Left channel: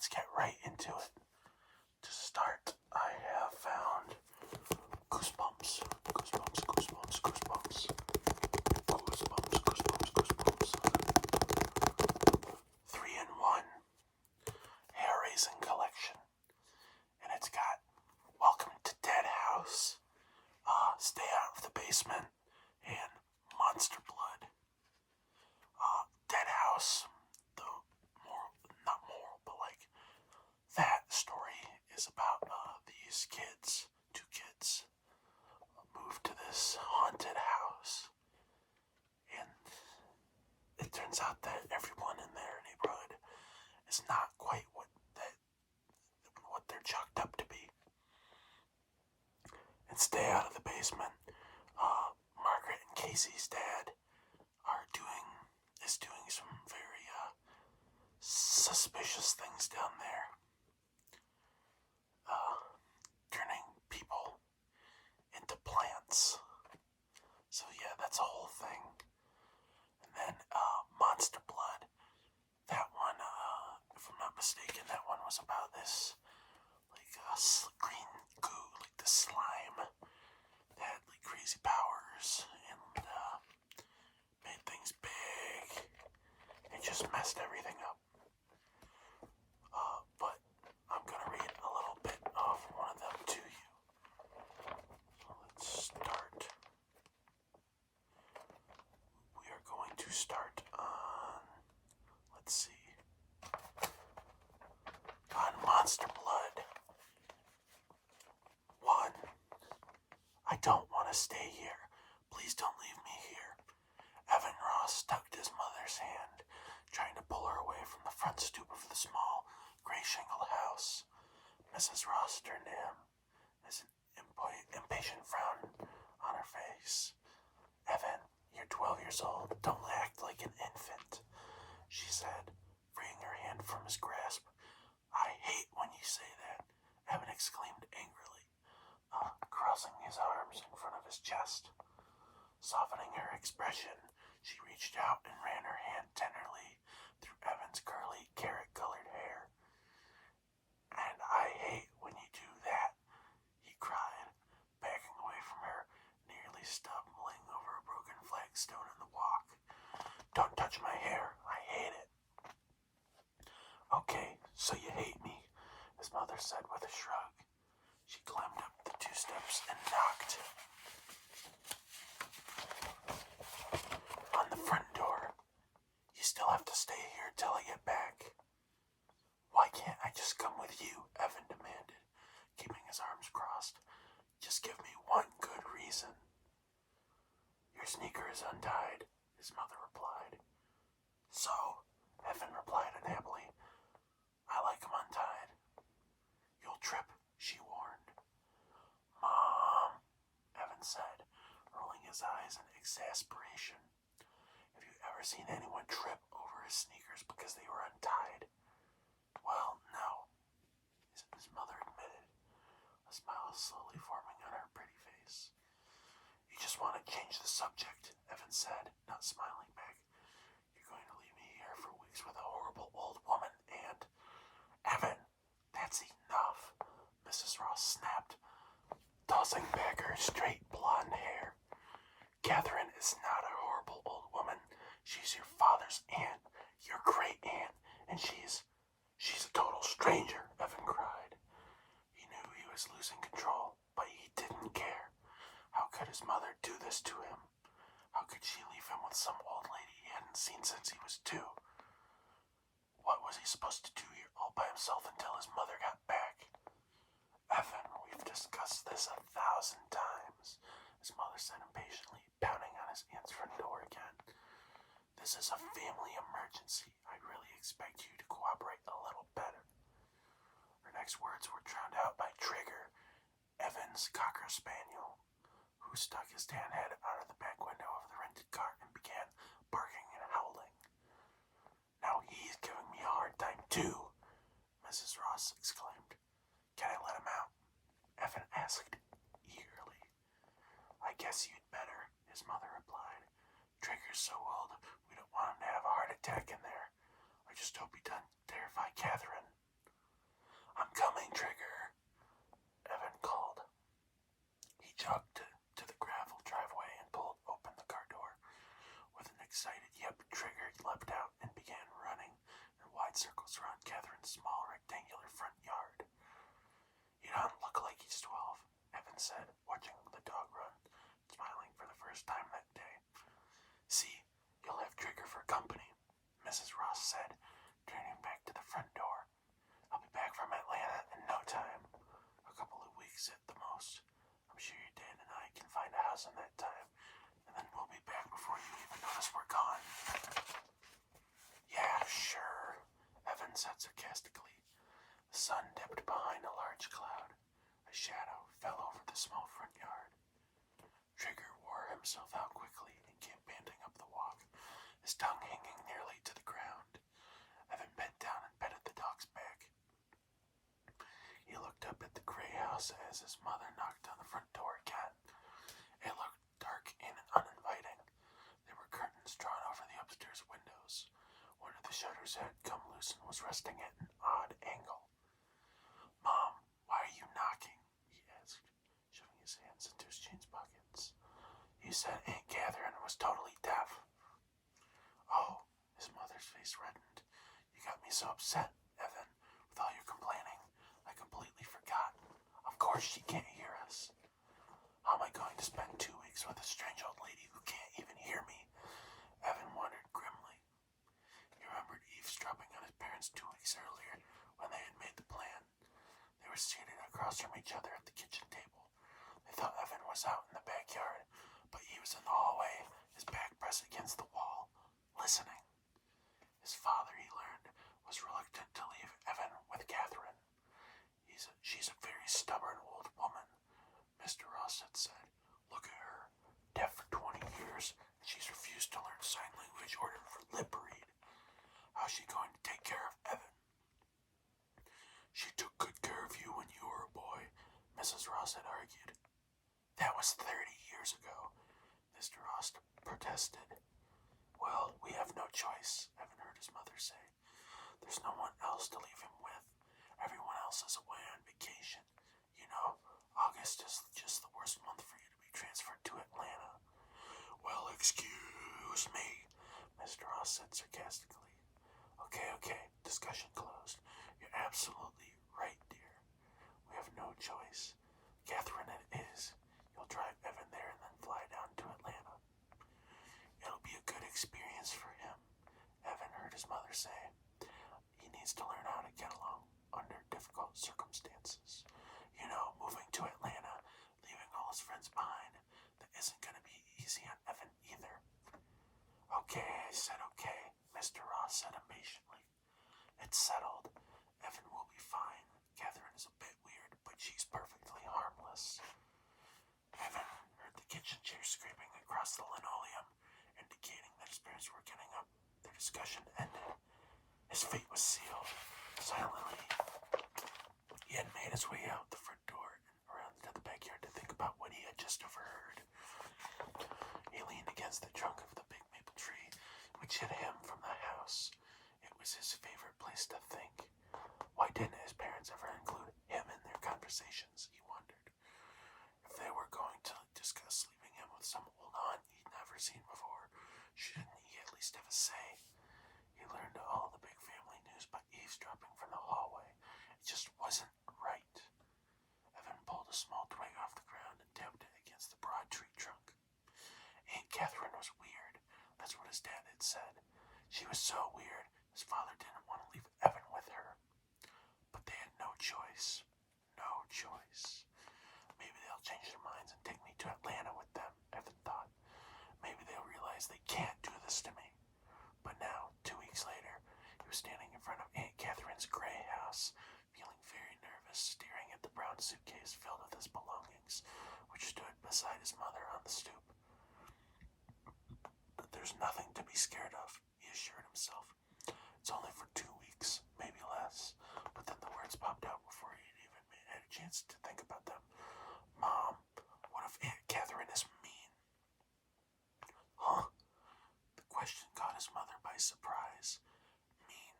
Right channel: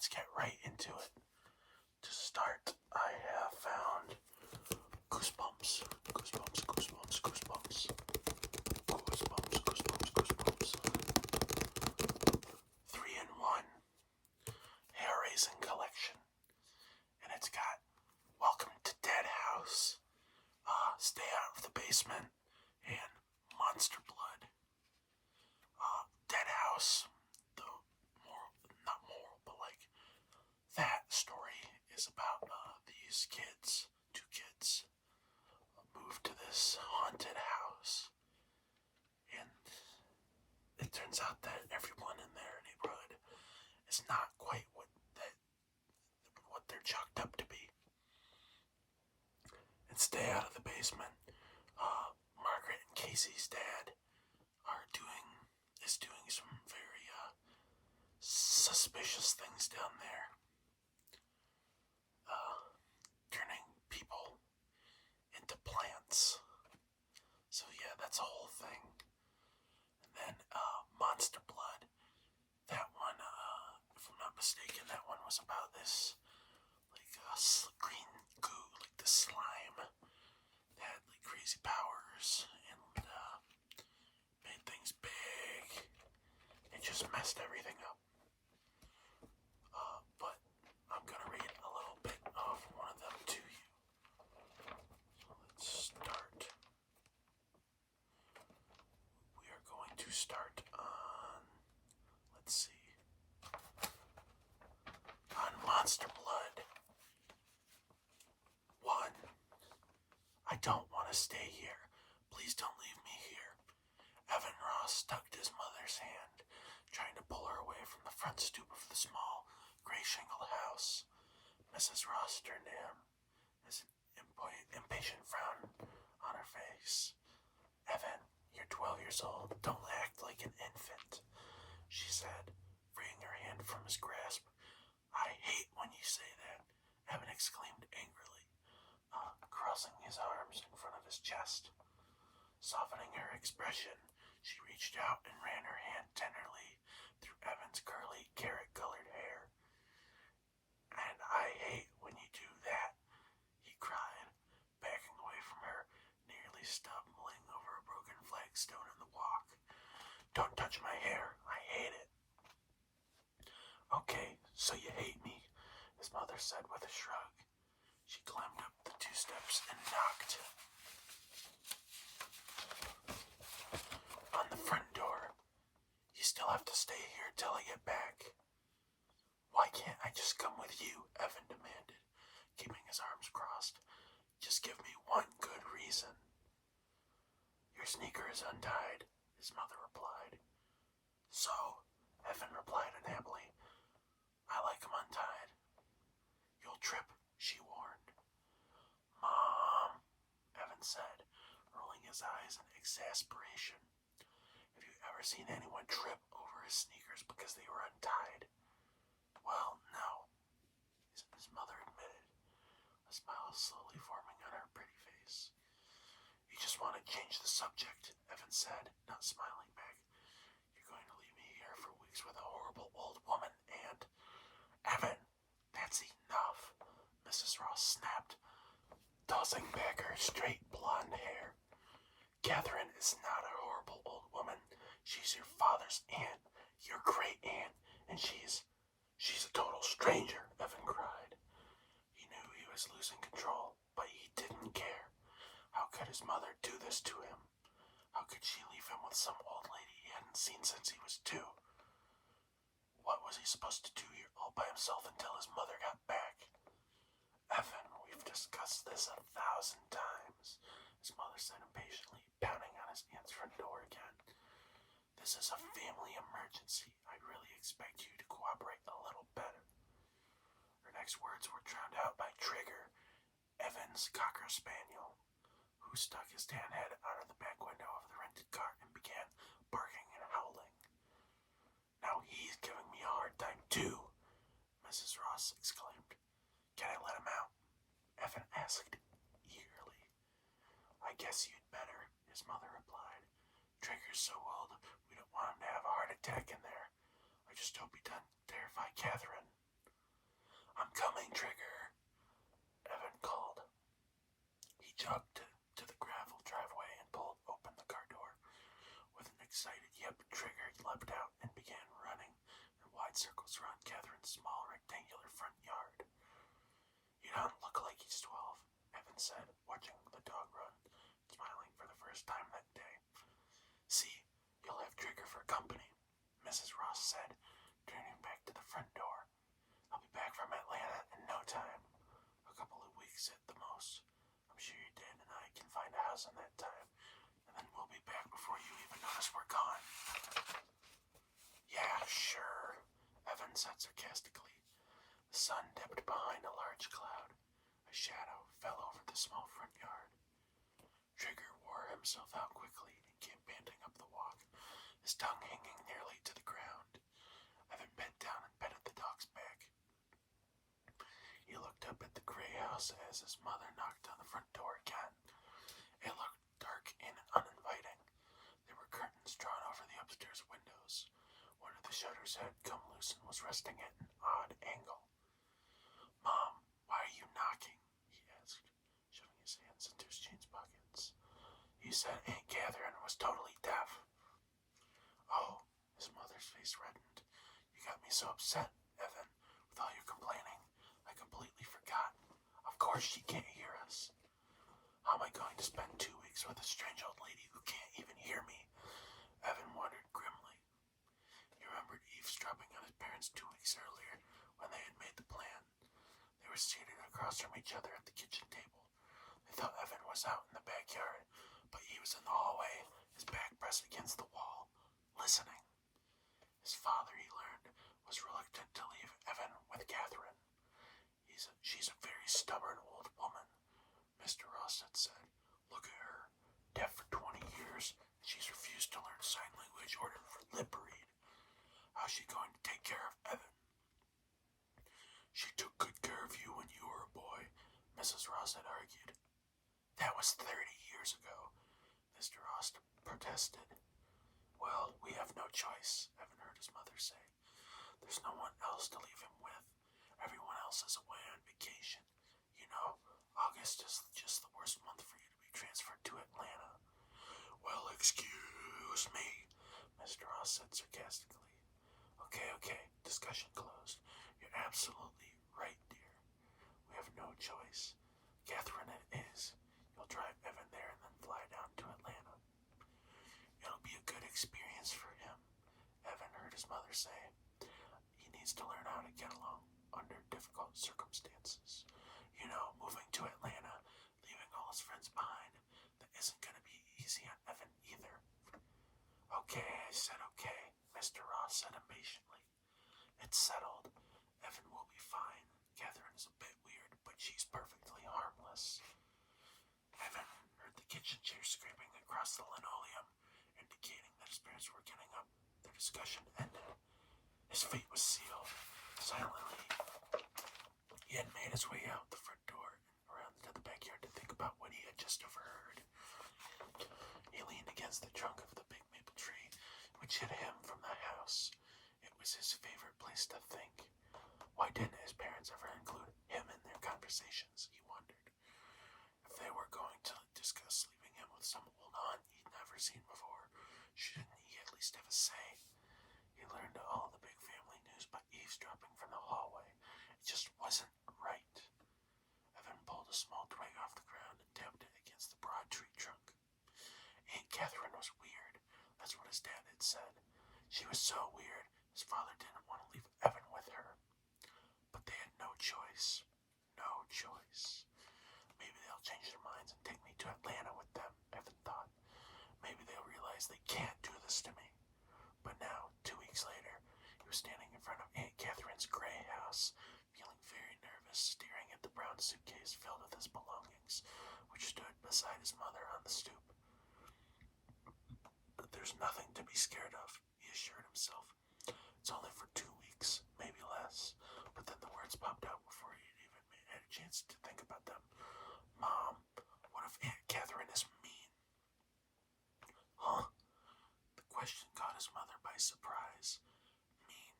let's get right into it. To start, I have found goosebumps, goosebumps, goosebumps, goosebumps, goosebumps, goosebumps, goosebumps. 3-in-1 hair-raising collection, and it's got Welcome to Dead House, Stay Out of the Basement, and Monster Blood. Dead House, not moral, but like that story is about these kids, two kids, moved to this haunted house, and it turns out that everyone in their neighborhood is not quite what they're chalked up to be. And Stay Out of the Basement, Margaret and Casey's dad is doing some very suspicious things down there, turning people into plants. So yeah, that's a whole thing. And then Monster Blood, that one, if I'm not mistaken, that one was about this like green goo, like the slime that had like crazy powers and made things big. It just messed everything up. But I'm gonna read a little bit of one of them to you. So let's start. We are going to start on, let's see, on Monster Blood. 1. I don't want to stay here. Please don't leave me here. Evan Ross tugged his mother's hand, trying to pull her away from the front stoop of the small, gray shingled house. Mrs. Ross turned to him, as an impatient frown on her face. Evan, you're 12 years old. Don't act like an infant, she said, freeing her hand from his grasp. I hate when you say that, Evan exclaimed angrily, crossing his arms in front of his chest. Softening her expression, she reached out and ran her hand tenderly through Evan's curly, carrot-colored hair. And I hate when you do that, he cried, backing away from her, nearly stumbling over a broken flagstone in the walk. Don't touch my hair. I hate it. Okay, so you hate me, his mother said with a shrug. She climbed up the 2 steps and knocked on the front door. You still have to stay here till I get back. Why can't I just come with you? Evan demanded, keeping his arms crossed. Just give me one good reason. Your sneaker is untied, his mother replied. So, Evan replied unhappily, I like 'em untied. You'll trip, she warned. Mom, Evan said, rolling his eyes in exasperation. Have you ever seen anyone trip over his sneakers because they were untied? Well, no, his mother admitted, a smile slowly forming on her pretty face. You just want to change the subject, Evan said, not smiling back. You're going to leave me here for weeks with a horrible old woman and... Evan, that's enough, Mrs. Ross snapped, tossing back her straight blonde hair. Catherine is not a horrible old woman. She's your father's aunt, your great-aunt, and she's a total stranger, Evan cried. He knew he was losing control, but he didn't care. How could his mother do this to him? How could she leave him with some old lady he hadn't seen since he was 2? What was he supposed to do here all by himself until his mother got back? Evan, we've discussed this 1,000 times, his mother said impatiently, pounding on his aunt's front door again. This is a family emergency. I really expect you to cooperate a little better. Her next words were drowned out by Trigger, Evan's Cocker Spaniel, who stuck his tan head out of the back window of the rented car and began barking and howling. Now he's giving me a hard time too, Mrs. Ross exclaimed. Can I let him out? Evan asked eagerly. I guess you'd better, his mother replied. Trigger's so old, we don't want him to have a heart attack in there. I just hope he doesn't terrify Catherine. Page 12, Evan said, watching the dog run, smiling for the first time that day. See, you'll have Trigger for company, Mrs. Ross said, turning back to the front door. I'll be back from Atlanta in no time. A couple of weeks at the most. I'm sure your dad and I can find a house in that time, and then we'll be back before you even notice we're gone. Yeah, sure, Evan said sarcastically. The sun dipped behind a large cloud. A shadow fell over the small front yard. Trigger wore himself out quickly and came panting up the walk, his tongue hanging nearly to the ground. Evan bent down and petted the dog's back. He looked up at the gray house as his mother knocked on the front door again. It looked dark and uninviting. There were curtains drawn over the upstairs windows. One of the shutters had come loose and was resting at an odd angle. Mom, why are you knocking? He asked, shoving his hands into his jeans pockets. You said Aunt Catherine was totally deaf. Oh, his mother's face reddened. You got me so upset, Evan, with all your complaining. I completely forgot. Of course she can't hear us. How am I going to spend 2 weeks with a strange old lady who can't even hear me? Evan wondered grimly. He remembered eavesdropping on his parents 2 weeks earlier when they had made the plan. They were seated across from each other at the kitchen table. They thought Evan was out in the backyard, but he was in the hallway, his back pressed against the wall, listening. His father, he learned, was reluctant to leave Evan with Catherine. She's a very stubborn old woman, Mr. Ross had said. Look at her, deaf for 20 years, and she's refused to learn sign language or to lip read. How's she going to take care of Evan? She took good care of you when you were a boy, Mrs. Ross had argued. That was 30 years ago, Mr. Ross protested. Well, we have no choice, Evan heard his mother say. There's no one else to leave him with. Everyone else is away on vacation. You know, August is just the worst month for you to be transferred to Atlanta. Well, excuse me, Mr. Ross said sarcastically. Okay, discussion closed. You're absolutely right, dear. We have no choice. Catherine, it is. You'll drive Evan there and then fly down to Atlanta. It'll be a good experience for him, Evan heard his mother say. He needs to learn how to get along under difficult circumstances. You know, moving to Atlanta, leaving all his friends behind, that isn't going to be easy on Evan either. Okay, I said okay, Mr. Ross said impatiently. It's settled. Evan will be fine. Catherine is a bit weird, but she's perfectly harmless. Evan heard the kitchen chair scraping across the linoleum, indicating that his parents were getting up. Their discussion ended. His fate was sealed. Silently, he had made his way out the front door and around to the backyard to think about what he had just overheard. He leaned against the trunk of the big maple tree, which hid him from the house. It was his favorite place to think. Why didn't his parents ever include him in their conversations, he wondered. If they were going to discuss leaving him with some old aunt he'd never seen before, shouldn't he at least have a say? He learned all the big family news by eavesdropping from the hallway. It just wasn't right. Evan pulled a small twig off the ground and tapped it against the broad tree trunk. Aunt Catherine was weird. That's what his dad had said. She was so weird, his father didn't want to leave Evan with her. But they had no choice. No choice. Maybe they'll change their minds and take me to Atlanta with them, Evan thought. Maybe they'll realize they can't do this to me. But now, 2 weeks later, he was standing in front of Aunt Catherine's gray house, feeling very nervous, staring at the brown suitcase filled with his belongings, which stood beside his mother on the stoop. But there's nothing to be scared of, he assured himself. It's only for 2 weeks, maybe less. But then the words popped out before he had even had a chance to think about them. Mom, what if Aunt Catherine is mean? Huh? The question caught his mother by surprise. Mean?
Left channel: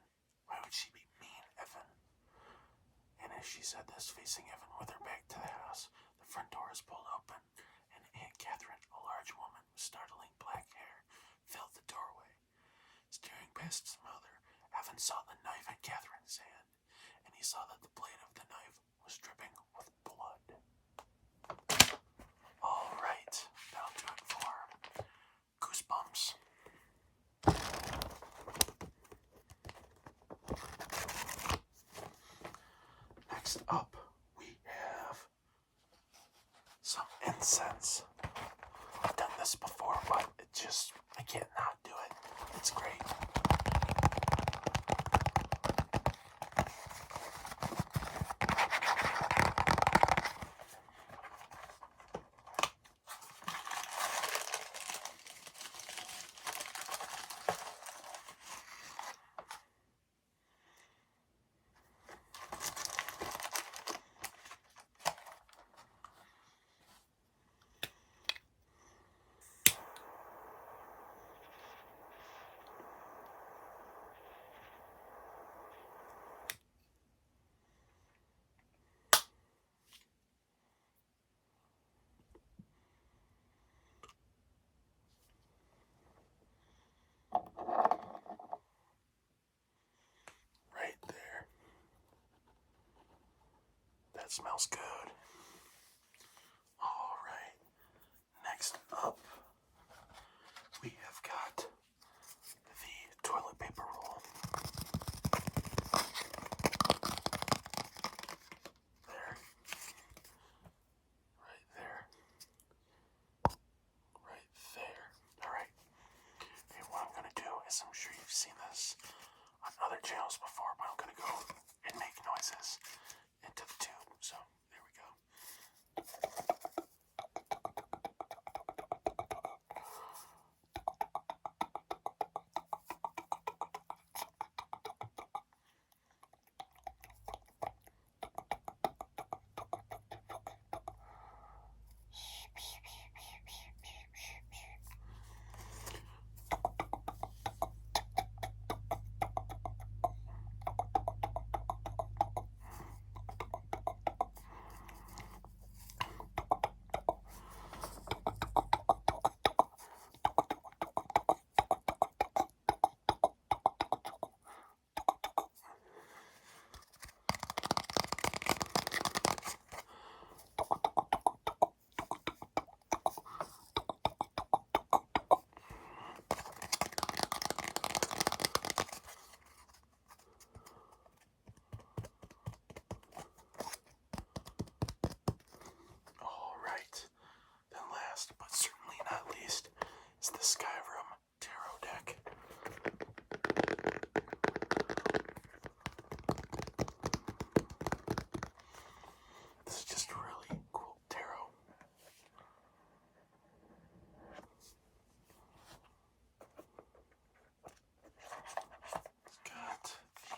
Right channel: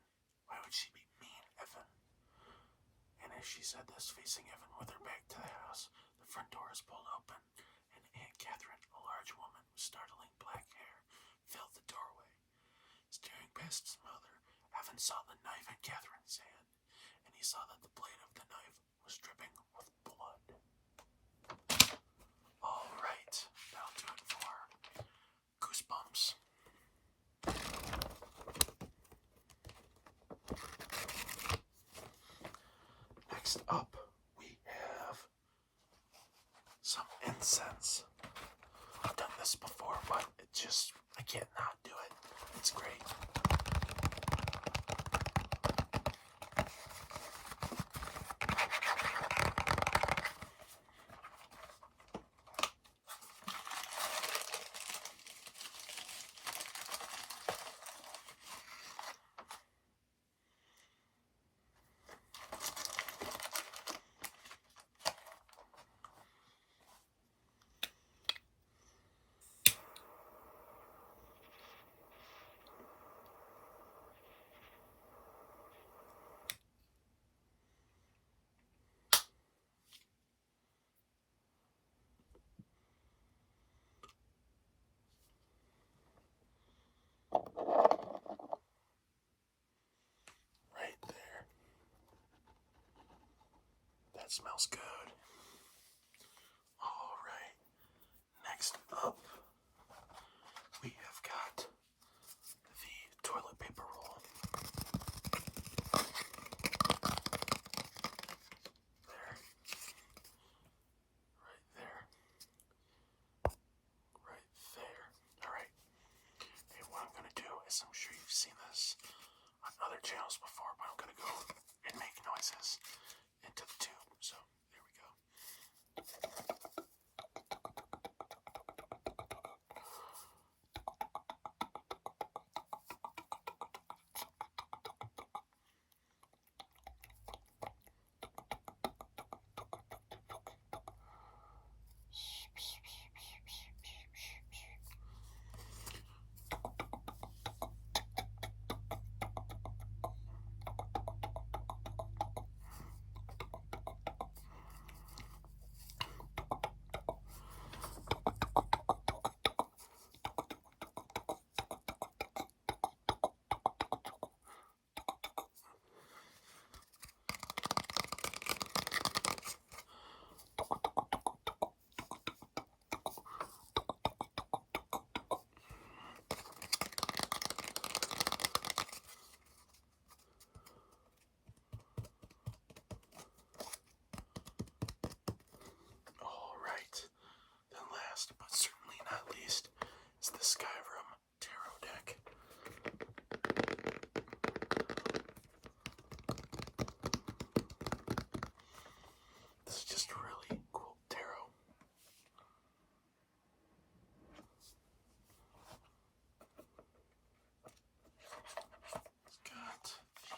Why would she be mean, Evan? And as she said this, facing Evan with her back to the house, the front door was pulled open, and Aunt Catherine, a large woman with startling black hair, filled the doorway. Staring past his mother, Evan saw the knife in Catherine's hand, and he saw that the blade of the knife was dripping with blood. Next up, we have some incense. I've done this before, but I can't not do it. It's great. Right there. That smells good. All right. Next up, we have got the toilet paper roll. There. Right there. Right there. Alright. Okay, what I'm gonna do is, I'm sure you've seen this on other channels before, but I'm gonna go and make noises into the tube. So, there we go. But certainly not least, is the Skyrim Tarot deck. This is just a really cool tarot. It's got the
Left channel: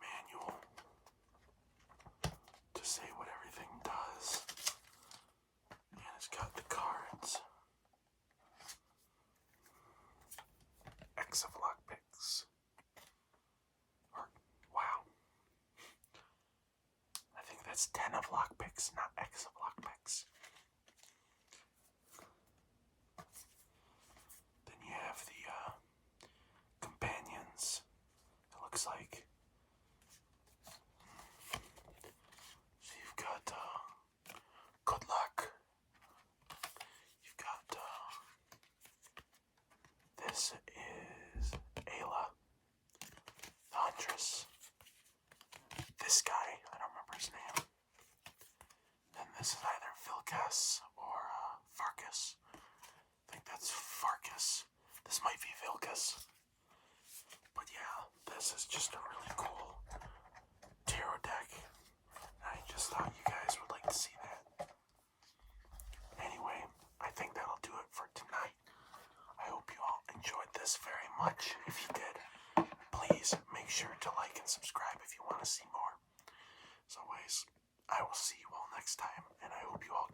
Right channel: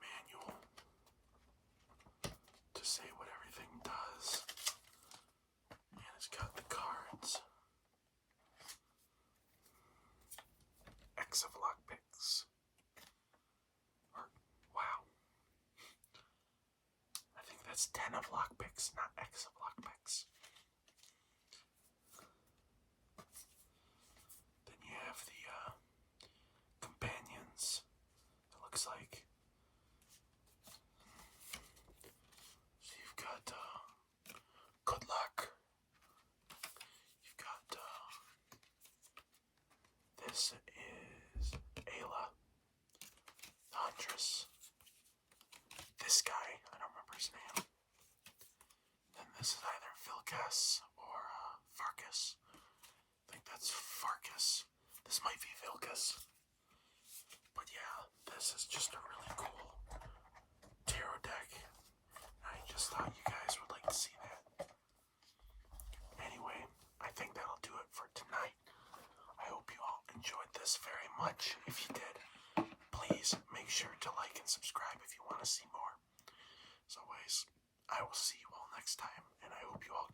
manual to say what everything does. And it's got the cards. X of lockpicks. Wow. I think that's 10 of lockpicks, not X of lockpicks. Then you have the companions. It looks like. So you've got good luck. You've got this is Ayla, the Huntress. This guy, I don't remember his name. Then this is either Vilkas or Farkas. I think that's Farkas. This might be Vilkas. But yeah, this is just a really cool tarot deck. I just thought you guys would like to see that. Anyway, I think that'll do it for tonight. I hope you all enjoyed this very much. If you did, please make sure to like and subscribe if you want to see more. As always, I will see you all next time, and I hope you all